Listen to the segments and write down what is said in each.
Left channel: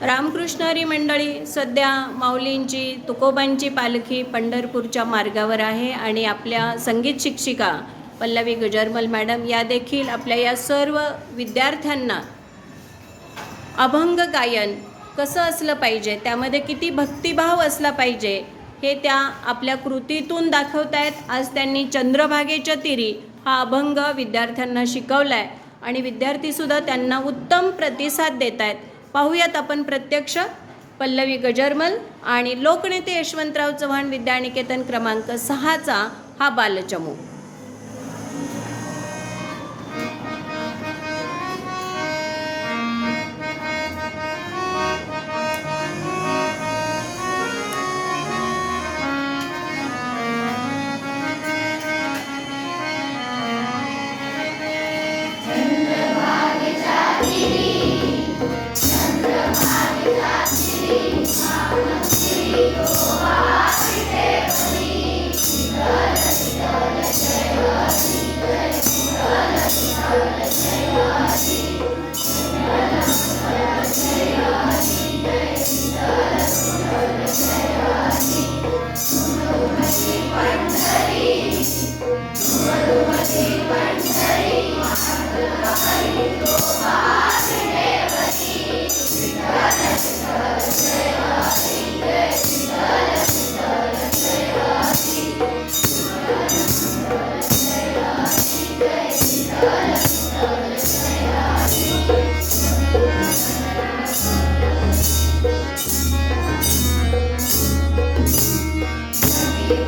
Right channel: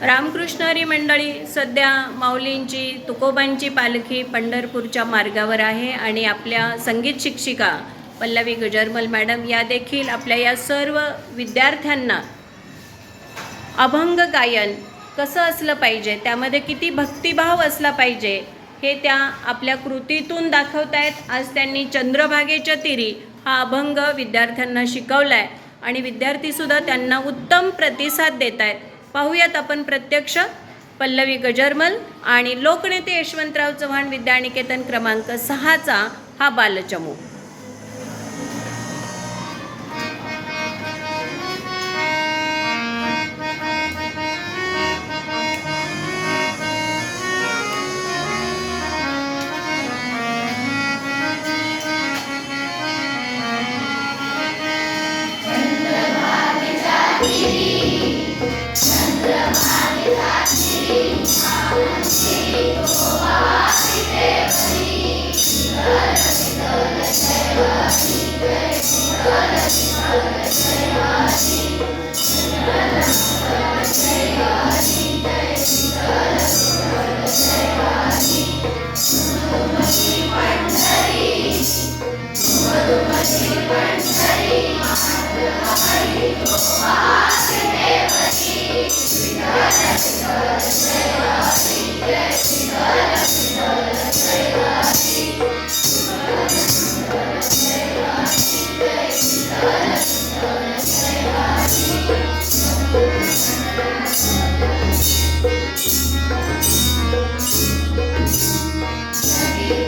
रामकृष्णारी मंडळी सध्या माऊलींची तुकोबांची पालखी पंढरपूरच्या मार्गावर आहे आणि आपल्या संगीत शिक्षिका पल्लवी गजरमल मॅडम या देखील आपल्या या सर्व विद्यार्थ्यांना अभंग गायन कसं असलं पाहिजे त्यामध्ये किती भक्तिभाव असला पाहिजे हे त्या आपल्या कृतीतून दाखवत आहेत आज त्यांनी चंद्रभागेच्या तिरी हा अभंग विद्यार्थ्यांना शिकवला आहे आणि विद्यार्थीसुद्धा त्यांना उत्तम प्रतिसाद देत आहेत पाहूयात आपण प्रत्यक्ष पल्लवी गजरमल आणि लोकनेते यशवंतराव चव्हाण विद्यानिकेतन क्रमांक सहाचा हा बालचमू.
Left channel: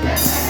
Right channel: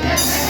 Yes.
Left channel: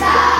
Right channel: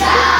Yeah.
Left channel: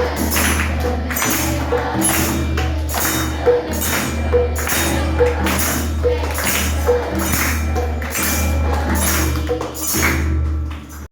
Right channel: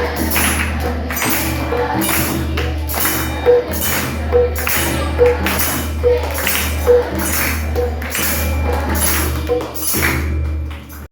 Thank you.